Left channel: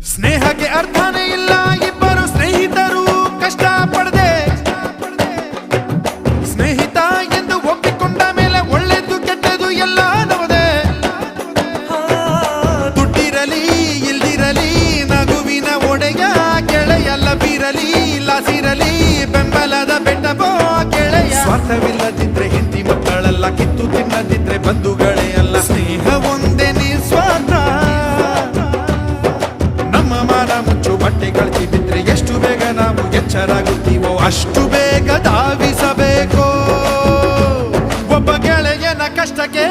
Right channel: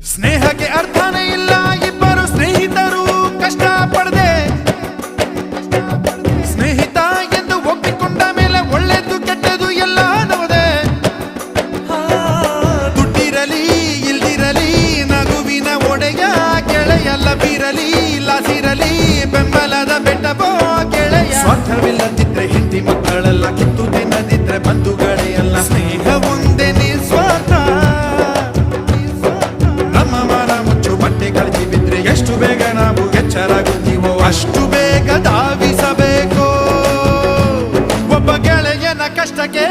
ಸ್ನೇಹಕ್ಕೆ ಅರ್ಥನೇ ಇಲ್ಲ, ಇಬ್ಬರು ಸ್ನೇಹಿತರು ಕಷ್ಟ ಪಡದೆ ಸ್ನೇಹಿತ ಎಂದು ಒಪ್ಪಿಕೊಂಡ ಮೇಲೆ ಒಳ್ಳೆದು ಕೆಟ್ಟದು ಎಲ್ಲ ನೋದೆ. ದುಡ್ಡಿರಲಿ ಇಲ್ದಿರಲಿ ನಗುವಿನ ಒಡೆಯ ಗೆಳೆಯಲ್ಲ ಬೀರಲಿ, ಲಾಸಿರಲಿ ಬೆಂಬಲದ ಬೆಟ್ಟಬೋ ಗೆಳೆಯ. ಸ್ವಾರ್ಥವಿಲ್ಲದಿದ್ರೆ ಹೆಂಡತಿ ಮಕ್ಕಳೆಲ್ಲ ಕಿತ್ತು ತಿನ್ನದಿದ್ರೆ ಬಂಧುಗಳೇ ಅಲ್ಲ. ಸ್ನೇಹ ಒಂದೇ ನಿಸ್ವಾರ್ಥ. ನಮ್ಮ ಮನ ಮುಚ್ಚು ಬಟ್ಟೆ ಕಳ್ತಿ ಬಿದ್ರೆ ಎಷ್ಟು ಬೇಗ ನಾವು ಎಚ್ಚರಾಗುತ್ತೀವೋ ಅಷ್ಟು ಬೇಗ ಧಾವಿಸಬೇಕು ಒಬ್ಬ ಗೆಳೆಯನ ಕಷ್ಟಕ್ಕೆ.